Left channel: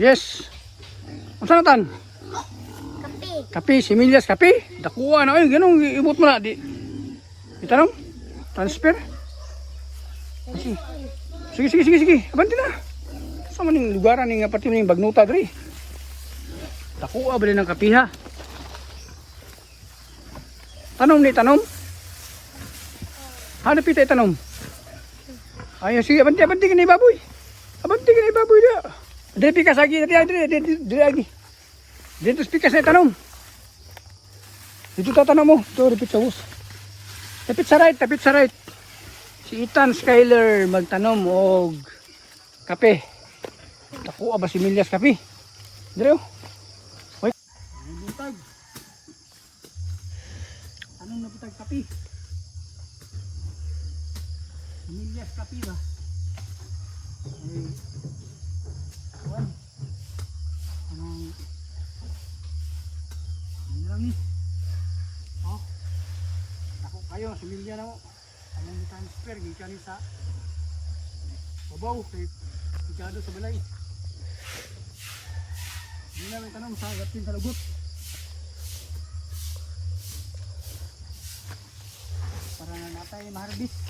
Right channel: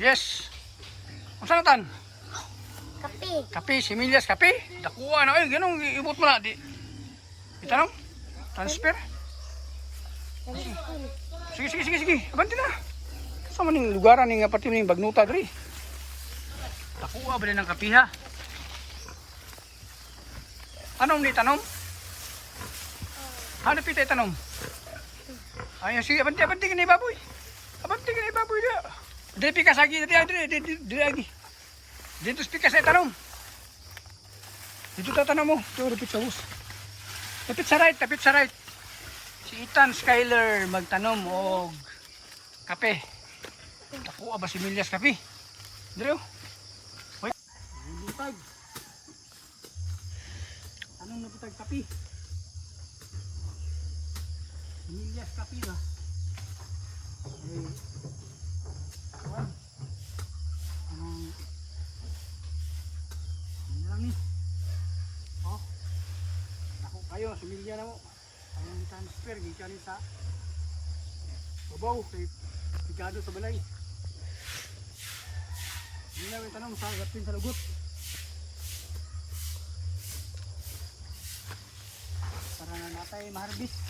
Yes. Unsa na tan? Kape. Kape, similyas kape. Dakuha na ayun, ganun ibot mo na di. Itanong? Transfer? Sige. Abanti na. Sa maning lugaran ning pati ning bagnuta diri. Dakuha ba ng kape ha? Tanom ni tanom. Hanap ita tanom. Ayo sige, abanti kini baboy. Abanti kini baboy dia. Diri pikas lagi, diri lagi. Dito pikas na tanom. Dito tatanong mo. Ito, repeat sa hus. Tapit sa right. Si Ethan Skyler magtanom og kape. Nakuha ba si Milyas kape? Dire oh. Wait. Ay butag. Anong nabutag kape? Milyas kape ba? Ay. Kuan. Anong ano lang ni? Oh. Ako kayo si Milya na mo. Anong transfer gikan sa babaw kay Picado sa balay. Hindi na may tanong sa gatin sa lugot. Para na natay maharbis.